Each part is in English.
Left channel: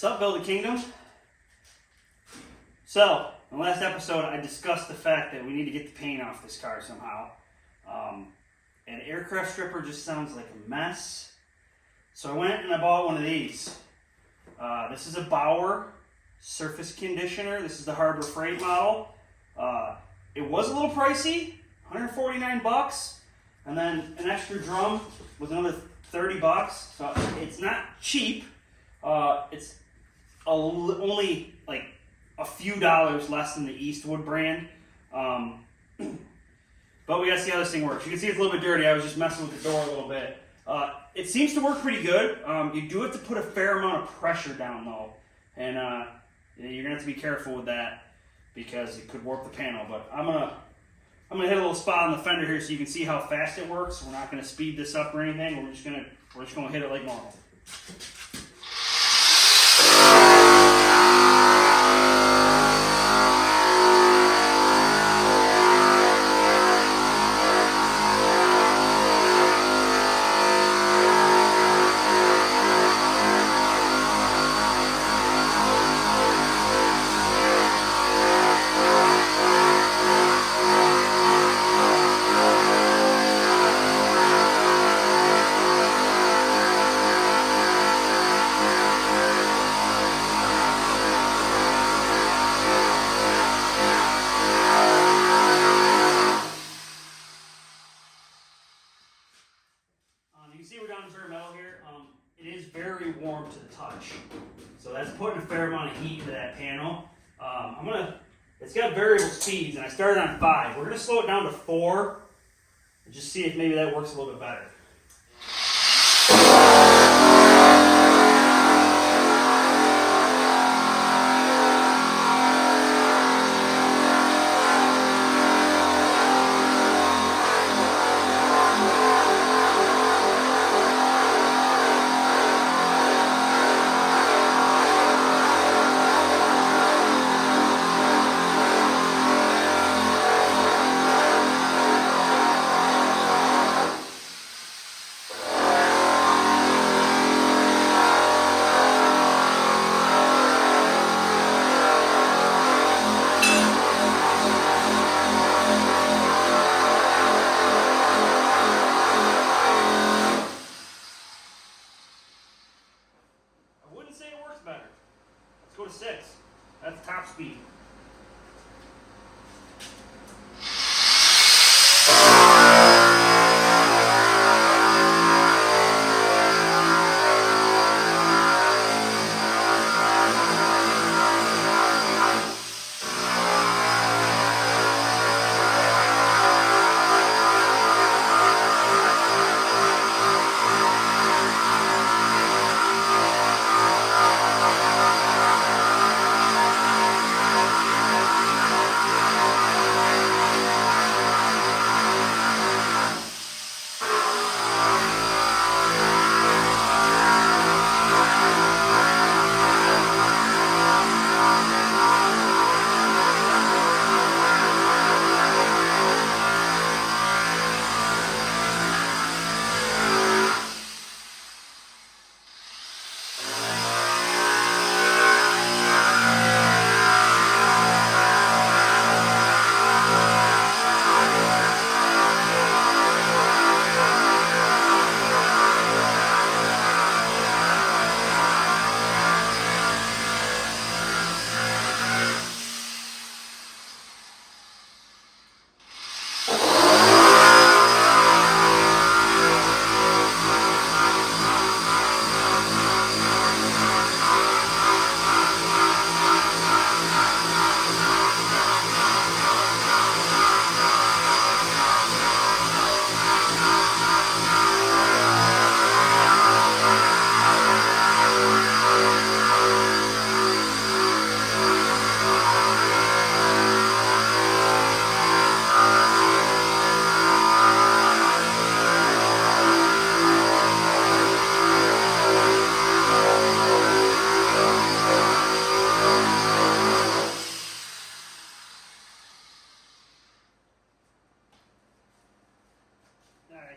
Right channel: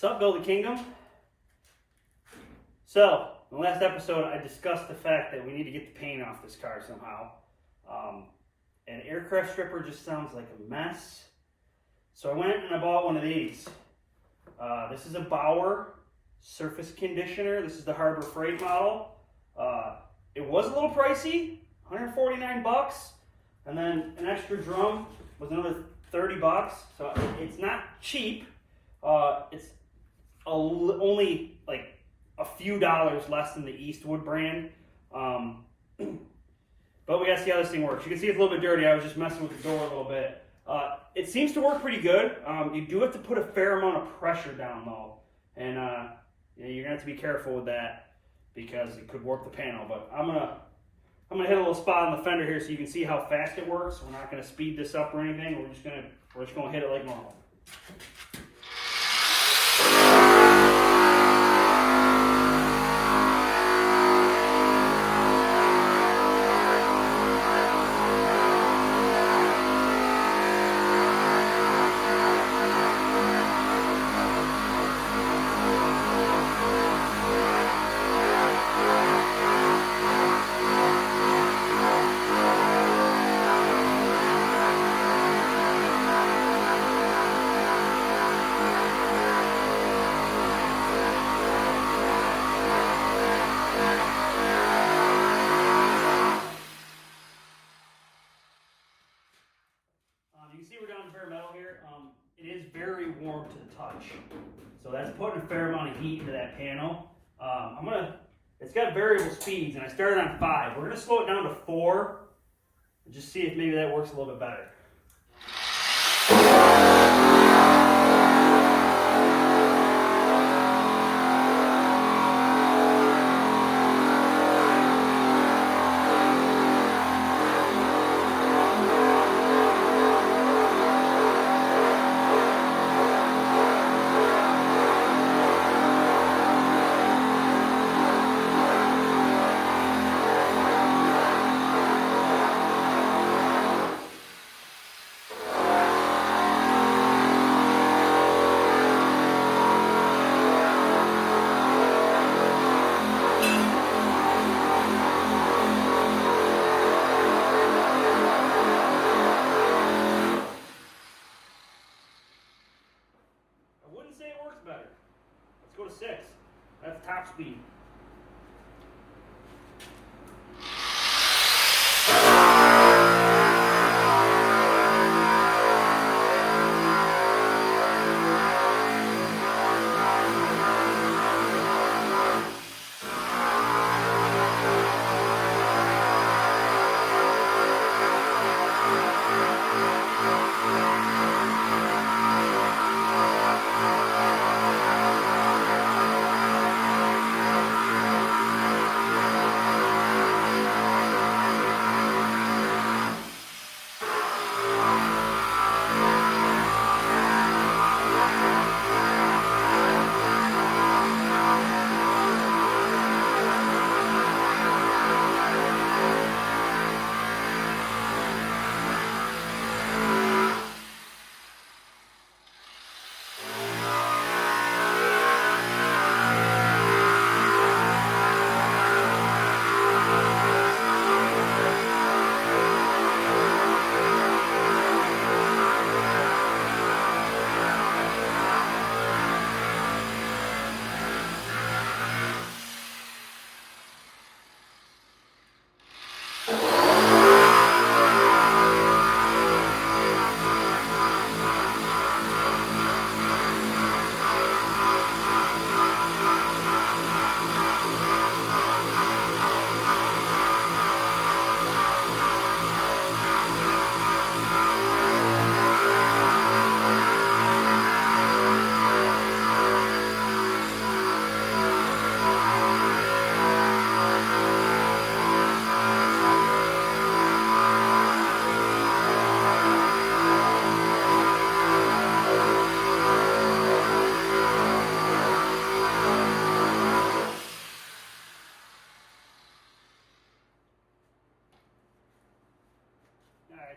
Sup, Build a Kingdom? So, in the last episode, I discussed the fact that we need to get the paint off this car somehow. An aircraft stripper just sounds like a mess. So I went and I bought one of these. This is a Bauer surface conditioner. This is the Harbor Freight model. It was a little pricey, 149 bucks. And then an extra drum was another 30 bucks. So it's not cheap. It's only like a few dollars less than the Eastwood brand. But we gotta see how this thing works. You can see it's a little bit dirty. I was just messing with the door a little bit. It seems to work pretty good. You do have to put a fair amount of pressure down low. And you're gonna have to be careful with that because it could warp the panel. But I'm gonna hit a little spot on the fender here so you can see how fast it works. We're not gonna speed this up or anything. We're just gonna hit it like normal. You can see we're down to bare metal here. It is very warm to the touch, so that's putting a fair amount of heat into that panel. It's got variable speeds, and I started on 5. We're gonna slow it down to 4, and just see if maybe that works a little bit better. Better. Let's go to 6. That's top speed.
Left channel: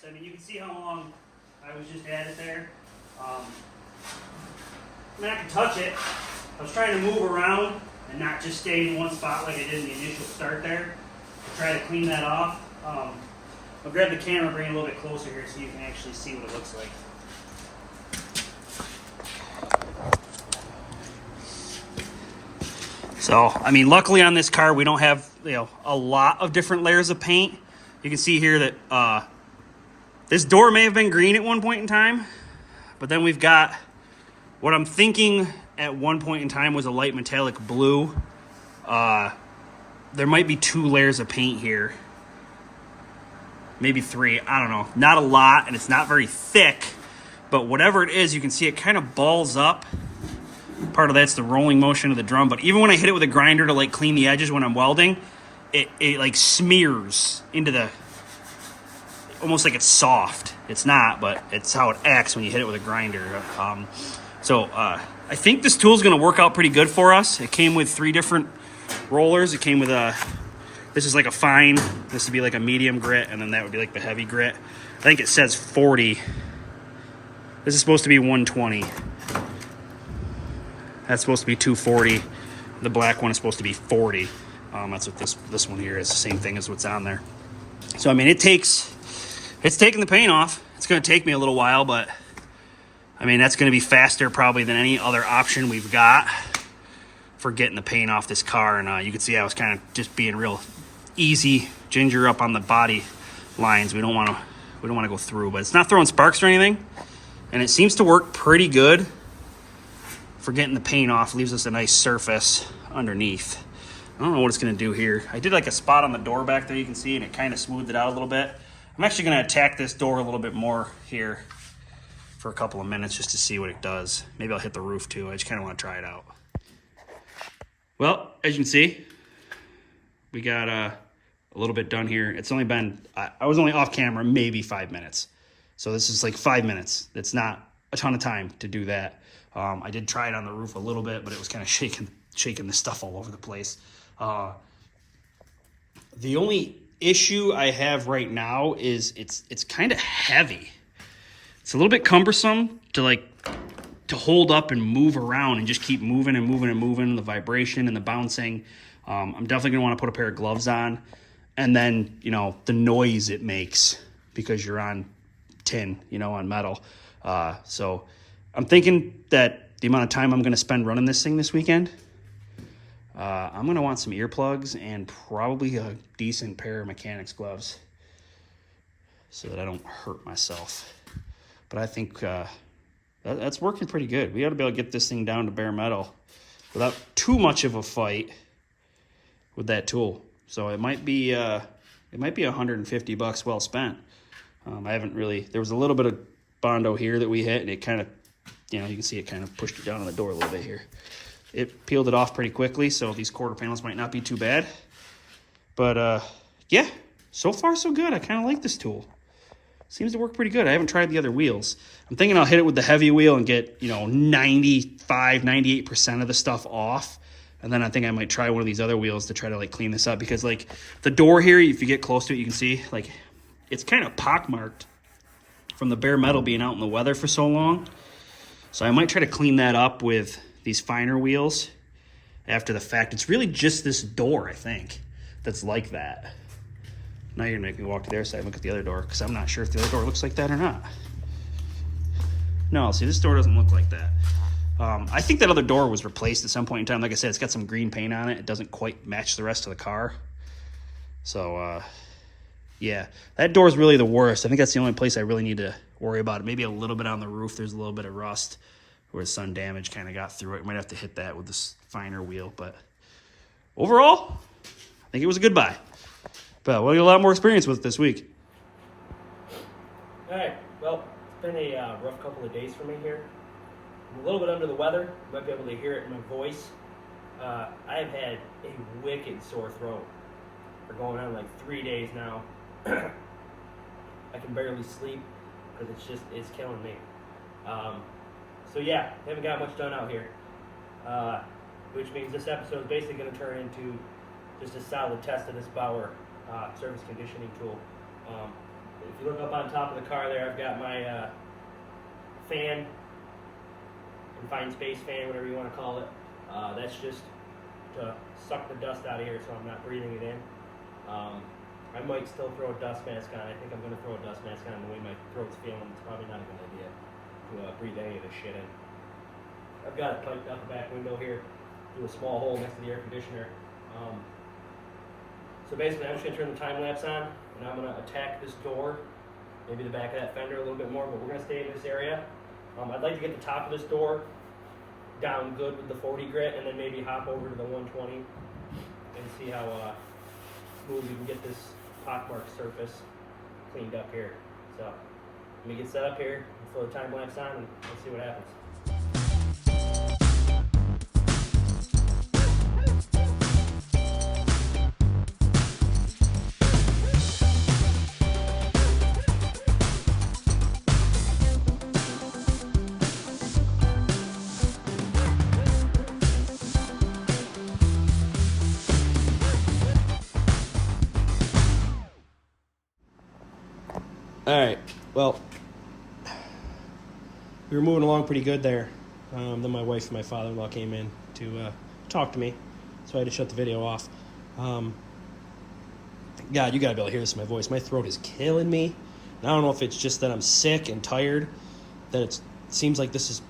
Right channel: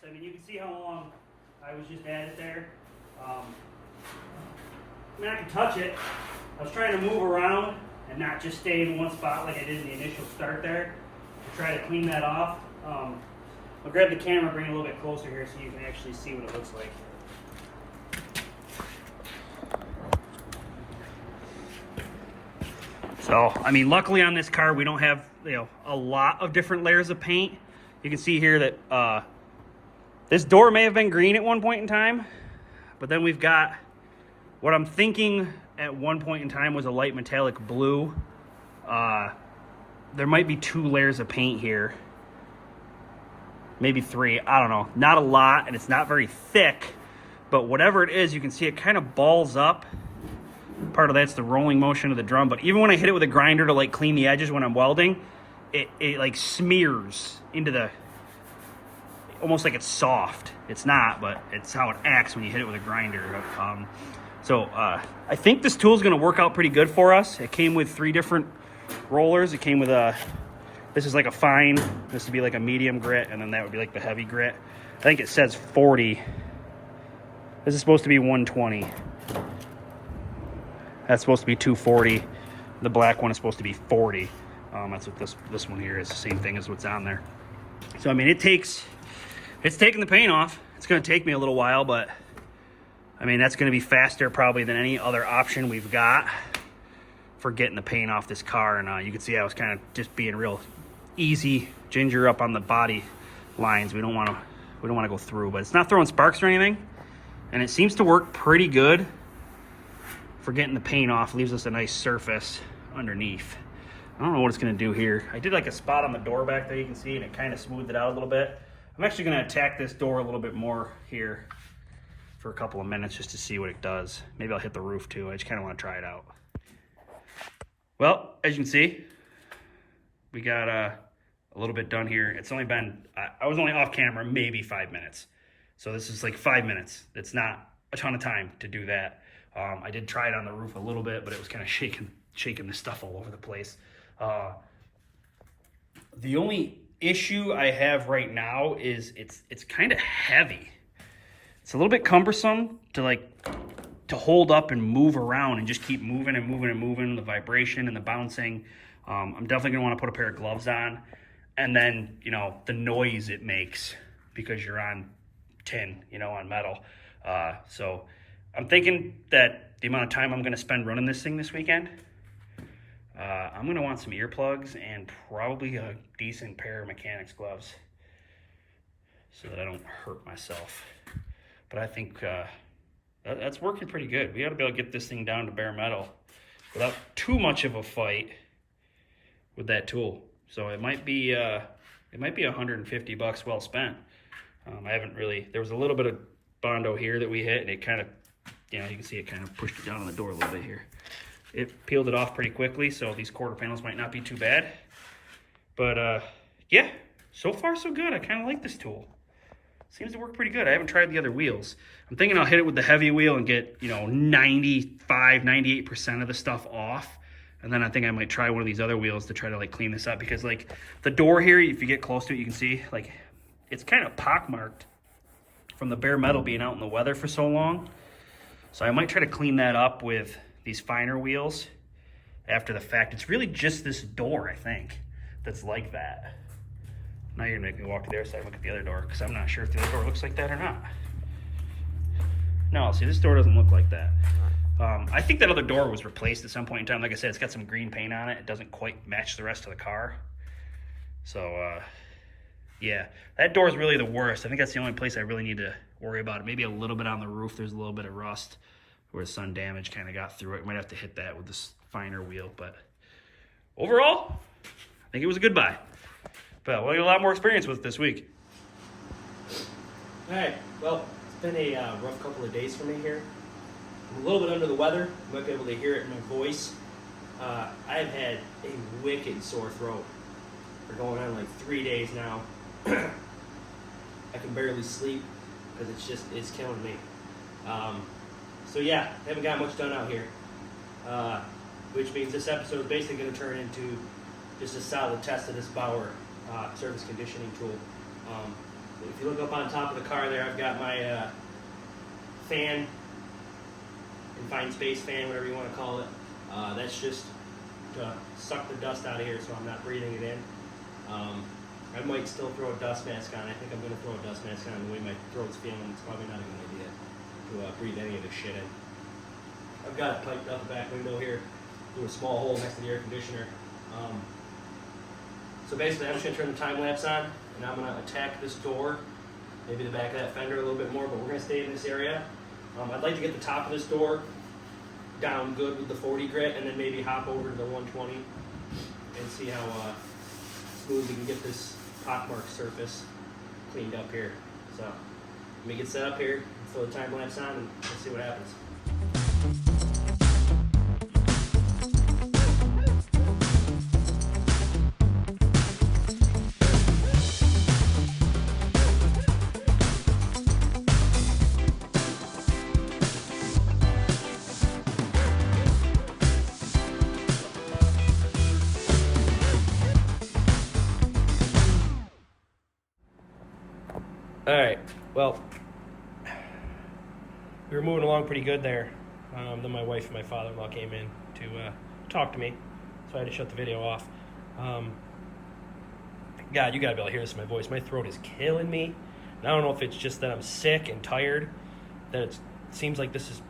So I mean, you can see how long I was just at it there. I mean, I can touch it. I was trying to move around and not just stay in one spot like I did in the initial start there. To try to clean that off. I'll grab the camera, bring it a little bit closer here so you can actually see what it looks like. So, I mean, luckily on this car, we don't have, a lot of different layers of paint. You can see here that this door may have been green at one point in time, but then we've got what I'm thinking at one point in time was a light metallic blue. There might be 2 layers of paint here. Maybe 3, I don't know. Not a lot, and it's not very thick, but whatever it is, you can see it kind of balls up. Part of that's the rolling motion of the drum, but even when I hit it with a grinder to like clean the edges when I'm welding, it like smears into the, almost like it's soft. It's not, but it's how it acts when you hit it with a grinder. I think this tool is going to work out pretty good for us. It came with 3 different rollers. It came with this is like a fine, this would be like a medium grit, and then that would be like the heavy grit. I think it says 40. This is supposed to be 120. That's supposed to be 240. The black one is supposed to be 40. That's what this one here is, the same thing as what's on there. So I mean, it's taking the paint off. It's going to take me a little while, but I mean, that's going to be faster probably than any other option we've got for getting the paint off this car. And you can see I was kind of just being real easy, ginger up on the body lines. We don't want to go through, but it's not throwing sparks or anything, and it seems to work pretty good for getting the paint off. Leaves us a nice surface underneath. I don't know what it's going to do here. I did like a spot on the door back there, you can see, and it kind of smoothed it out a little bit. I'm actually going to attack this door a little bit more here for a couple of minutes just to see what it does. Maybe I'll hit the roof too. I just kind of want to try it out. Well, as you can see, we got a little bit done here. It's only been, I was only off camera maybe 5 minutes. So this is like 5 minutes. It's not a ton of time to do that. I did try it on the roof a little bit, but it was kind of shaking the stuff all over the place. The only issue I have right now is it's kind of heavy. It's a little bit cumbersome to hold up and move around and just keep moving and moving and moving, the vibration and the bouncing. I'm definitely gonna want to put a pair of gloves on, and then the noise it makes because you're on tin, on metal. So I'm thinking that the amount of time I'm gonna spend running this thing this weekend, I'm gonna want some earplugs and probably a decent pair of mechanics gloves so that I don't hurt myself. But I think that's working pretty good. We ought to be able to get this thing down to bare metal without too much of a fight with that tool. So it might be $150 well spent. I haven't really, there was a little bit of Bondo here that we hit, and it kind of, you can see it kind of pushed it down on the door a little bit here. It peeled it off pretty quickly, so these quarter panels might not be too bad. But yeah, so far so good. I kind of like this tool. Seems to work pretty good. I haven't tried the other wheels. I'm thinking I'll hit it with the heavy wheel and get 95, 98% of the stuff off. And then I think I might try one of these other wheels to try to clean this up, because the door here, if you get close to it, you can see it's kind of pockmarked from the bare metal being out in the weather for so long. So I might try to clean that up with these finer wheels after the fact. It's really just this door, I think, that's like that. Now you're gonna make me walk to the other side and look at the other door, because I'm not sure if the other door looks like that or not. No, see, this door doesn't look like that. I think that other door was replaced at some point in time. Like I said, it's got some green paint on it. It doesn't quite match the rest of the car. So, yeah, that door is really the worst. I think that's the only place I really need to worry about it. Maybe a little bit on the roof. There's a little bit of rust where the sun damage kind of got through it. Might have to hit that with this finer wheel. But overall, I think it was a good buy. But we'll get a lot more experience with it this week. All right, well, it's been a rough couple of days for me here. I'm a little bit under the weather. You might be able to hear it in my voice. I've had a wicked sore throat for going on 3 days now. I can barely sleep because it's killing me. So yeah, haven't got much done out here. Which means this episode is basically going to turn into just a solid test of this Bauer surface conditioning tool. If you look up on top of the car there, I've got my fan confined space fan, whatever you want to call it. That's just to suck the dust out of here so I'm not breathing it in. I might still throw a dust mask on. I think I'm going to throw a dust mask on the way my throat's feeling. It's probably not a good idea to breathe any of this shit in. I've got it piped out the back window here through a small hole next to the air conditioner. So basically I'm just going to turn the time-lapse on and I'm going to attack this door, maybe the back of that fender a little bit more, but we're going to stay in this area. I'd like to get the top of this door down good with the 40 grit and then maybe hop over to the 120 and see how smooth we can get this pockmark surface cleaned up here. So let me get set up here, throw the time-lapse on, and let's see what happens. All right, well, we were moving along pretty good there. Then my wife and my father-in-law came in to talk to me, so I had to shut the video off. God, you gotta be able to hear this in my voice. My throat is killing me. And I don't know if it's just that I'm sick and tired, that it seems like this is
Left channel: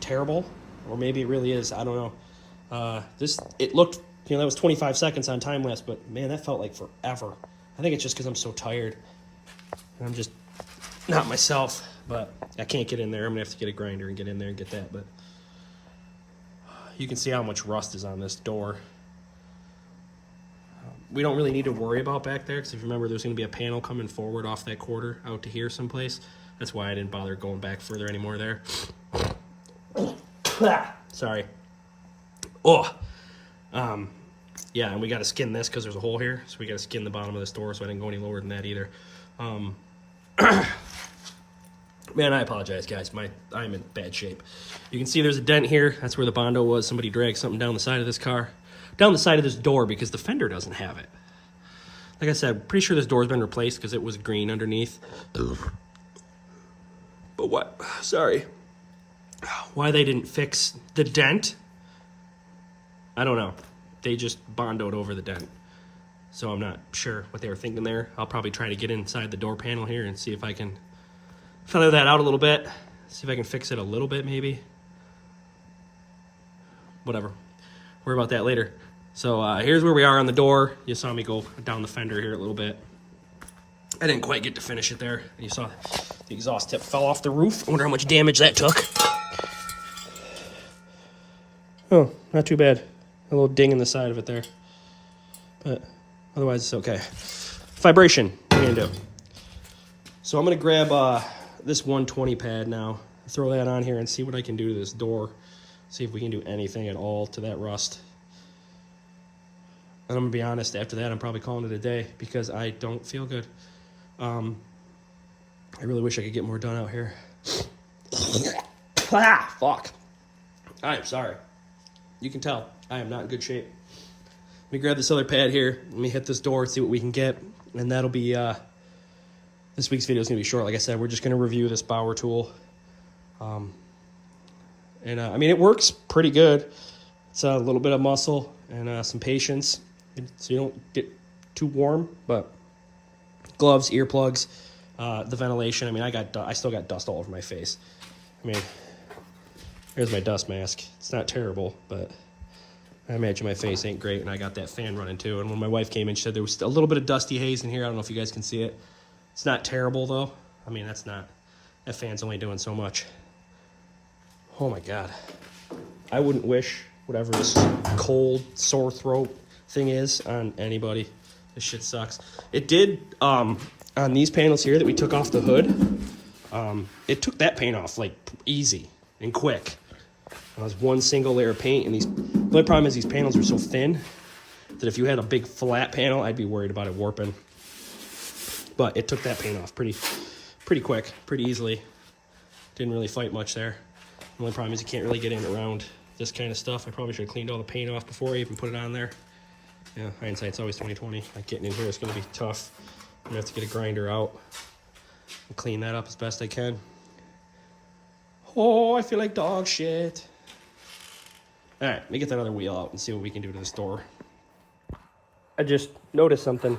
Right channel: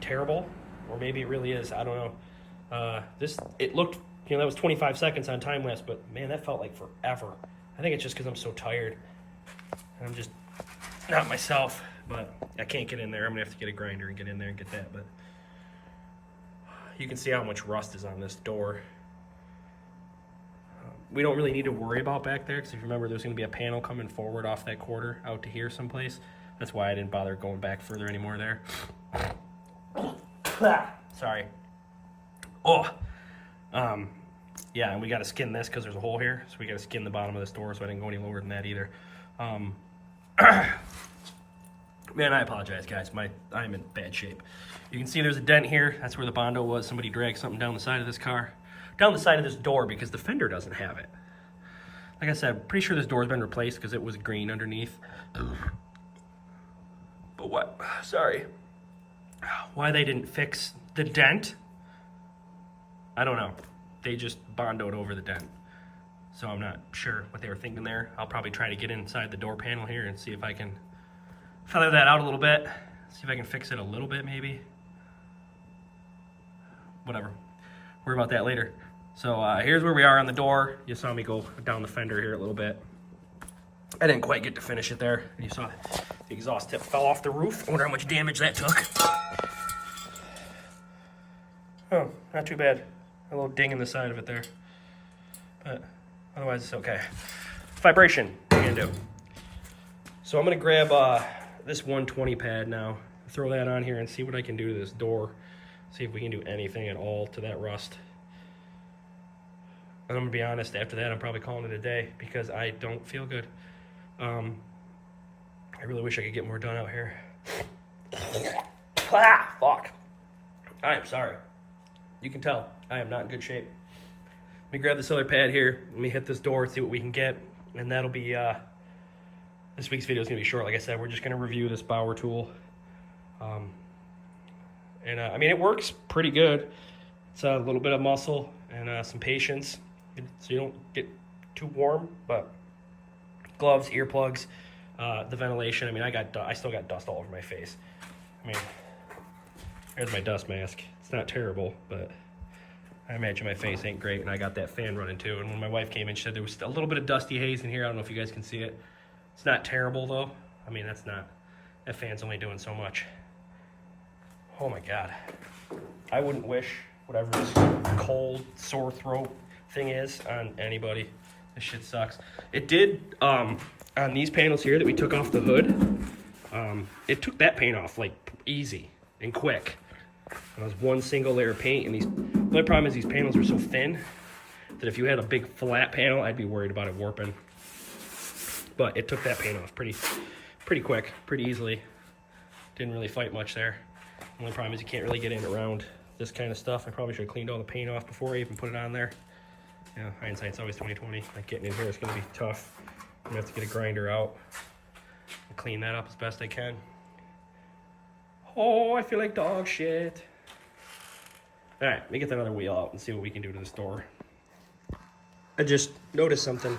terrible, or maybe it really is. I don't know. It looked, that was 25 seconds on time-lapse, but man, that felt like forever. I think it's just because I'm so tired. And I'm just not myself, but I can't get in there. I'm gonna have to get a grinder and get in there and get that. But you can see how much rust is on this door. We don't really need to worry about back there because if you remember, there's gonna be a panel coming forward off that quarter out to here someplace. That's why I didn't bother going back further anymore there. Sorry. Oh. Yeah, and we got to skin this because there's a hole here, so we got to skin the bottom of this door, so I didn't go any lower than that either. Man, I apologize, guys. I'm in bad shape. You can see there's a dent here. That's where the Bondo was. Somebody dragged something down the side of this car, down the side of this door, because the fender doesn't have it. Like I said, pretty sure this door's been replaced because it was green underneath. But what? Sorry. Why they didn't fix the dent, I don't know. They just Bondoed over the dent. So I'm not sure what they were thinking there. I'll probably try to get inside the door panel here and see if I can feather that out a little bit. See if I can fix it a little bit maybe. Whatever. Worry about that later. So here's where we are on the door. You saw me go down the fender here a little bit. I didn't quite get to finish it there. You saw the exhaust tip fell off the roof. I wonder how much damage that took. Oh, not too bad. A little ding in the side of it there. But otherwise it's okay. Vibration, what are you gonna do? So I'm gonna grab this 120 pad now, throw that on here and see what I can do to this door. See if we can do anything at all to that rust. And I'm gonna be honest, after that I'm probably calling it a day because I don't feel good. I really wish I could get more done out here. Fuck. I'm sorry. You can tell I am not in good shape. Let me grab this other pad here. Let me hit this door, see what we can get. And that'll be, this week's video is going to be short. Like I said, we're just going to review this Bauer tool. I mean, it works pretty good. It's a little bit of muscle and some patience. So you don't get too warm, but gloves, earplugs, the ventilation. I mean, I still got dust all over my face. I mean, there's my dust mask. It's not terrible, but I imagine my face ain't great, and I got that fan running too. And when my wife came in, she said there was a little bit of dusty haze in here. I don't know if you guys can see it. It's not terrible, though. I mean, that fan's only doing so much. Oh, my God. I wouldn't wish whatever this cold, sore throat thing is on anybody. This shit sucks. It did, on these panels here that we took off the hood, it took that paint off, like, easy and quick. It was one single layer of paint, and the only problem is these panels are so thin that if you had a big flat panel, I'd be worried about it warping. But it took that paint off pretty quick, pretty easily. Didn't really fight much there. The only problem is you can't really get in around this kind of stuff. I probably should have cleaned all the paint off before I even put it on there. Yeah, hindsight's always 20/20. Like getting in here is going to be tough. I'm going to have to get a grinder out and clean that up as best I can. Oh, I feel like dog shit. All right, let me get that other wheel out and see what we can do to this door. I just noticed something.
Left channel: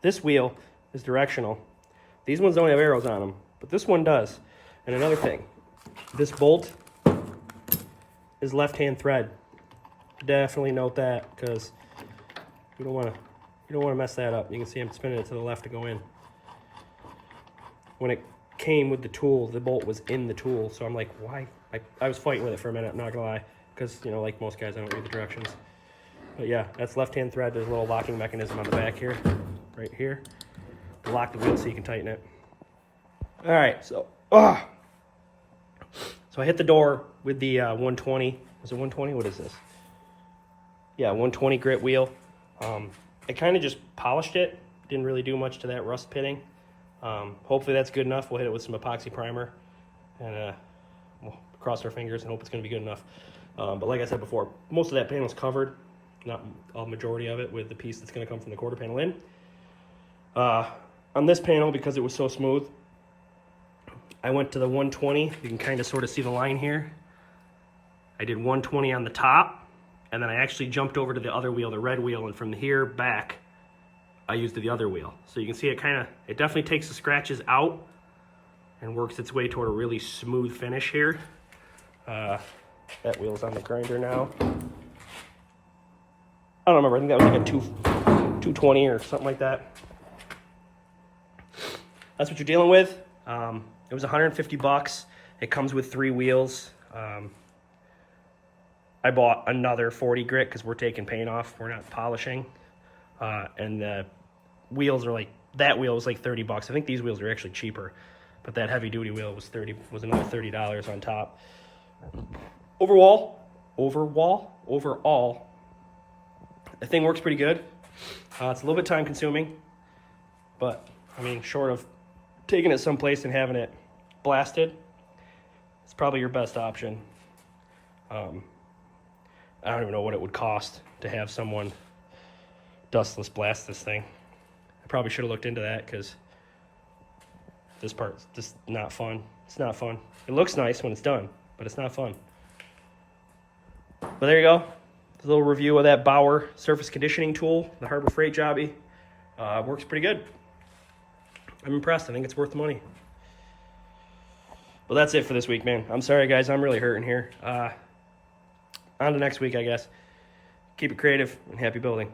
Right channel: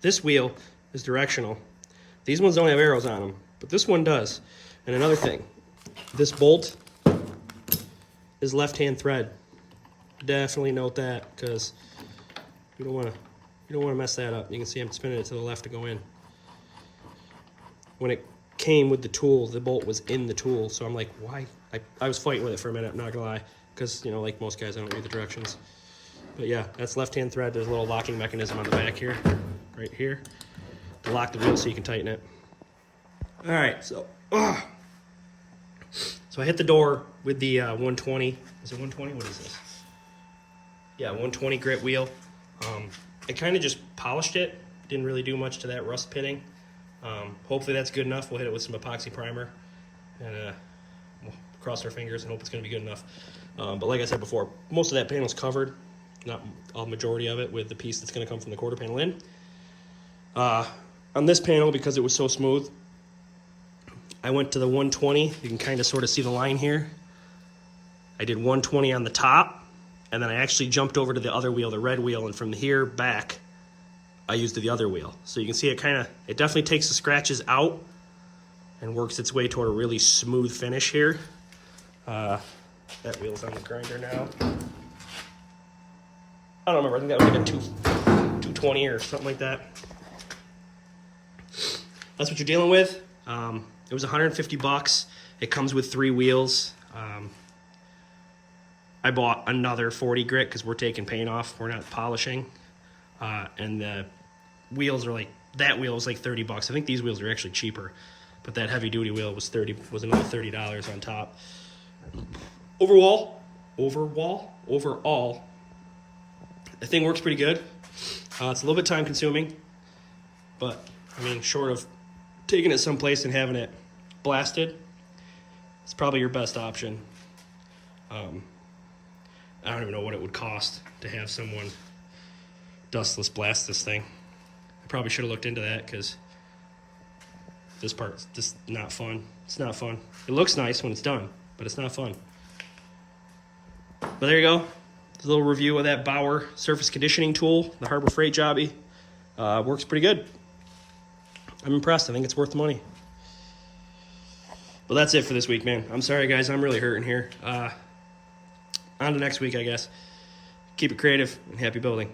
This wheel is directional. These ones don't have arrows on them, but this one does. And another thing, this bolt is left-hand thread. Definitely note that, because you don't want to mess that up. You can see I'm spinning it to the left to go in. When it came with the tool, the bolt was in the tool, so I'm like, why? I was fighting with it for a minute, I'm not gonna lie, because, you know, like most guys, I don't read the directions. But yeah, that's left-hand thread. There's a little locking mechanism on the back here, right here, to lock the wheel so you can tighten it. All right, so I hit the door with the 120. Is it 120? What is this? Yeah, 120 grit wheel. I kind of just polished it. Didn't really do much to that rust pitting. Hopefully that's good enough. We'll hit it with some epoxy primer and we'll cross our fingers and hope it's going to be good enough. But like I said before, most of that panel's covered, not a majority of it, with the piece that's going to come from the quarter panel in. On this panel, because it was so smooth, I went to the 120. You can kind of sort of see the line here. I did 120 on the top, and then I actually jumped over to the other wheel, the red wheel, and from here back, I used the other wheel. So you can see it definitely takes the scratches out and works its way toward a really smooth finish here. That wheel's on the grinder now. I don't remember, I think that was like a 220 or something like that. That's what you're dealing with. It was $150. It comes with 3 wheels. I bought another 40 grit because we're taking paint off. We're not polishing. And the wheels are like, that wheel was like $30. I think these wheels are actually cheaper, but that heavy duty wheel was another $30 on top. Overall, the thing works pretty good. It's a little bit time consuming, but I mean, short of taking it someplace and having it blasted, it's probably your best option. I don't even know what it would cost to have someone dustless blast this thing. I probably should have looked into that, because this part's just not fun. It's not fun. It looks nice when it's done, but it's not fun. But there you go. There's a little review of that Bauer surface conditioning tool, the Harbor Freight Jobby. Works pretty good. I'm impressed. I think it's worth the money. But that's it for this week, man. I'm sorry, guys. I'm really hurting here. On to next week, I guess. Keep it creative and happy building.